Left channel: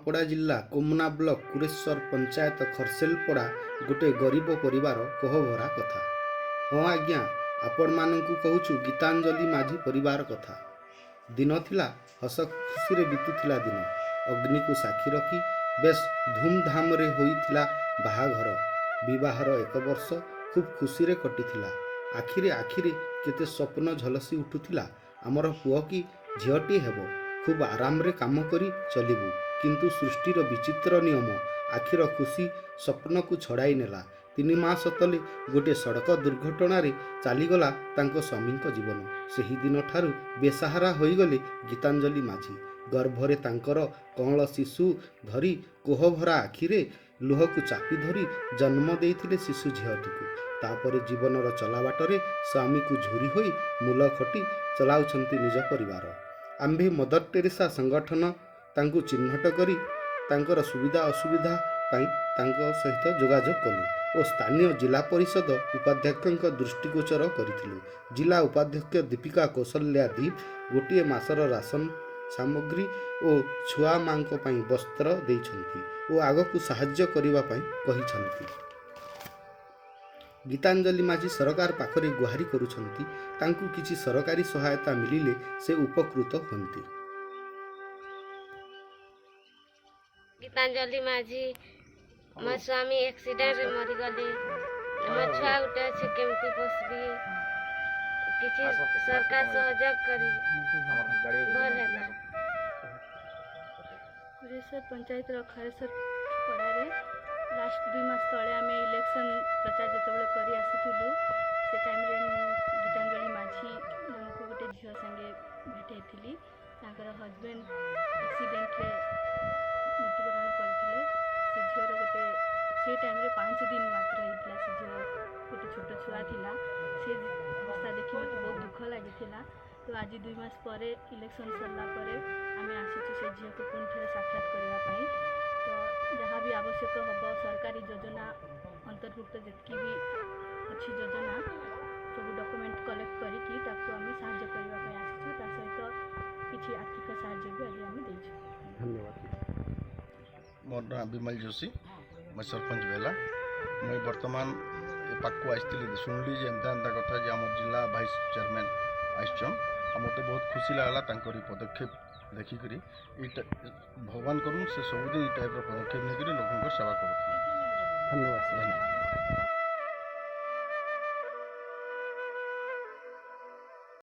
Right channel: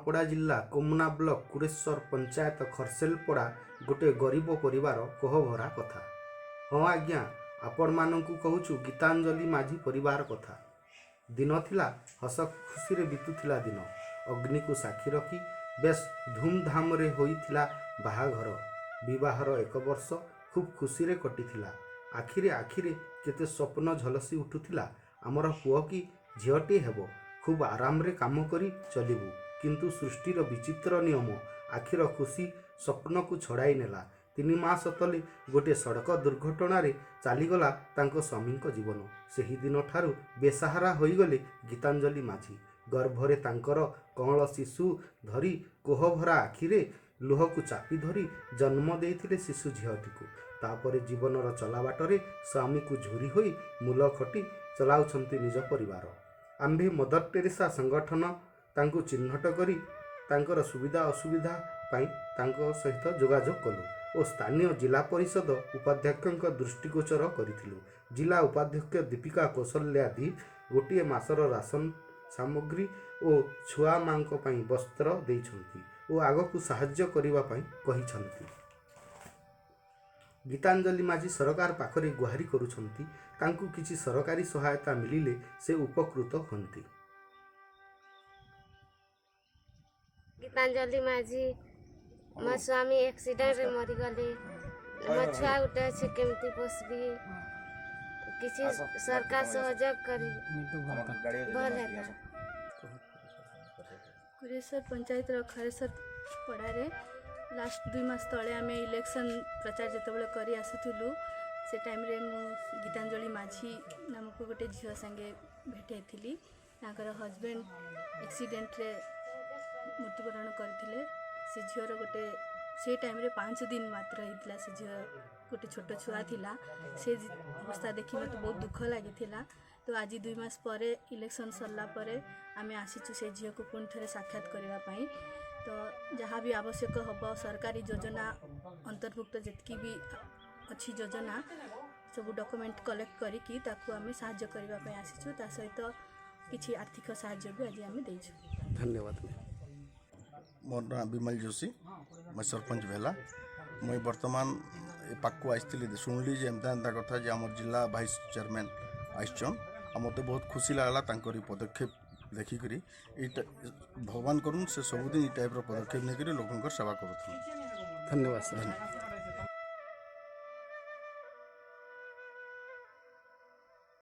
ନୂଆପଡ଼ା ଜିଲ୍ଲା କୋମନା ବ୍ଲକ କୁରେଶ୍ୱର ପଞ୍ଚାୟତ ଖରସେଲପଡ଼ା ଗୋଟିଏ ଗରିବ ପରିବାର କୋହଭରା କଥା। ହଁ ଆଜ୍ଞା, ଆପଣମାନଙ୍କୁ କହୁଛୁ ଗୀତାଞ୍ଜଳି ମାଝୀ ପରିବାର କଥା। ଦିନ ଥିଲା ହସ ଖୁସିରେ ବିତୁଥିଲା ଦିନ। ଅଗ୍ନିକୁ ସାକ୍ଷୀ ରଖି ବେଶ ଧୁମଧାମରେ ହୋଇଥିଲା ବାହାଘର। ବିବାହର 1 ବର୍ଷ ଖୁବ୍ ଖୁସିରେ କଟିଥିଲା। ଆଖିରେ କେତେ ସ୍ୱପ୍ନ ଝଲସି ଉଠୁଥିଲା। ଆମର ପୁଅ କି ଝିଅଟି ହେବ, ଖୁବ୍ ଆରାମରେ କାମ କରି ଚଳିବୁ। କିନ୍ତୁ ସୃଷ୍ଟିର ବିଚିତ୍ର ନିୟମ ଆଖିର ଖୁସି ସ୍ୱପ୍ନକୁ ଛଡ଼ାଇ ନେଲା। 3 ମାସ ତଳେ ଗୋଟିଏ ସଡ଼କ ଦୁର୍ଘଟଣାରେ ଚାଲିଗଲା ତାଙ୍କ ସ୍ୱାମୀଙ୍କ ଜୀବନ। ସେହି ଦିନଠାରୁ ବେସାହାରା ହୋଇଗଲେ ଗୀତାଞ୍ଜଳି ମାଝୀ। ଗର୍ଭରେ ତାଙ୍କର କଅଁଳ ଶିଶୁ ଧରି କୋହଭରା ଆଖିରେ ଲୁହକୁ ଚାପି ଧରି ଜନ୍ମ ଦେଇଥିଲେ ଶିଶୁ ଝିଅଟିକୁ। ତାପରେ ଜୀବନର ଚଲାବାଟରେ ସ୍ୱାମୀକୁ ଝୁରି ହୋଇ ମୂଲ ଖଟି ଚଳାଉଛନ୍ତି ନିଜ ପରିବାର। ଆମ୍ଭେ ମଦର ଟେରେସା ସଂଗଠନ ତାଙ୍କୁ ଚିହ୍ନଟ କରି ତାଙ୍କର ସୁବିଧା ଅସୁବିଧା ପାଇଁ ତାଙ୍କ ସହିତ ଯୋଗାଯୋଗ କଲୁ ଓ ସ୍ଥାନୀୟ ଜିଲ୍ଲା ପରିଷଦ ଉପାଧ୍ୟକ୍ଷଙ୍କ ଦୃଷ୍ଟିଗୋଚର କରିଥିଲୁ। ଜିଲ୍ଲା ଉପାଧ୍ୟକ୍ଷ ଦୀପିକା କୌଶଲ୍ୟା ଦୀପ ଗୋଟିଏ ମାସର ରାସନ ସାମଗ୍ରୀ ଓ ଛୁଆ ମାଙ୍କ ପାଇଁ ବସ୍ତ୍ର ଦେଇଛନ୍ତି ଓ ଆଗକୁ ସାହାଯ୍ୟ କରିବା ପାଇଁ କହିଛନ୍ତି। ଗୀତାଞ୍ଜଳି ମାଝୀ ସରକାର ପାଖରେ ଗୁହାରି କରୁଛନ୍ତି, ତାଙ୍କୁ କିଛି ସରକାରୀ ସହାୟତା ମିଳିଲେ ସେ ଉପକୃତ ହୁଅନ୍ତି। ଗୀତାଞ୍ଜଳି ମାଝୀ, ମୋ ସ୍ୱାମୀ ଆକ୍ସିଡେଣ୍ଟରେ ମରିଗଲେ। ମୋ ଛୁଆ ଗୋଟେ ଅଛି, କେମିତି ପୋଷିବି? କିଛି ସରକାର ସହଯୋଗ କରିବି, ଭଲ ହେଲା। କୁରେଶ୍ୱର ପଞ୍ଚାୟତର ଖରସେଲପଡ଼ାରେ ଲାଷ୍ଟ 2 ମାସ ତଳେ ଆମେ ଇଲେକ୍ସନ୍ ପ୍ରଚାର ଯେତେବେଳେ କରି ଆସୁଥିଲୁ, ସେ ଟାଇମ୍ରେ ମୁଁ ଗୀତାଞ୍ଜଳି ମାଝୀ ନାମକ ଗୋଟେ ଝିଅ ସାଙ୍ଗେ ଭେଟ ହେଇଥିଲି। ତାଙ୍କର ହଜବେଣ୍ଡ ଆକ୍ସିଡେଣ୍ଟରେ ମୃତ୍ୟୁବରଣ କରିଥିଲେ। ସେ ଝିଅର ସେ ଟାଇମ୍ରେ 5 ଦିନ ମାତ୍ର ହେଇଥିଲା। ସେ ଝିଅ ଗୋଟେ ଛୋଟ ଛୁଆ ଥିଲା। ସେ ଅବସ୍ଥା ଦେଖି ମୋତେ ବହୁତ ଦୁଃଖ ଲାଗିଥିଲା। ତ ଆଜି 2 ମାସ ପରେ ଇଲେକ୍ସନ୍ ସରିଲା ପରେ ଆମେ ଆସିଛୁ ସେ ଝିଅକୁ ପୁଣି ଥରେ ସାକ୍ଷାତ କରିବା ପାଇଁ। ତ ଯାହା ବି ଆବଶ୍ୟକ ହେବ, ସରକାରୀ ଯୋଜନା ଅନ୍ତର୍ଭୁକ୍ତ ଯେତିକି ବି ଅଛି ଯୋଜନା, ସବୁ ଡକୁମେଣ୍ଟ କଲେକ୍ଟ କରିକି ତାକୁ ଆମେ ସାହାଯ୍ୟ କରିବା ପାଇଁ ଆସିଛୁ। ତା ସହିତ କିଛି ଆର୍ଥିକ ସାହାଯ୍ୟ ବି ଆଜି ଆମେ ଦେଇଛୁ। ଧନ୍ୟବାଦ। मोर ना विमल जोशी, मैं सरपंच भेला। मुई बर्तमान ए पाक आसती शुणली एमता कथा जे आम जिला भाइस चेयरमैन आसचन आ मत बहुत खुशी लगला पदक्षेप देखिक। भगवान करूँ से सबुदिन टाइप पदक्षेप नहीं लोक सेवा कर। धन्यवाद।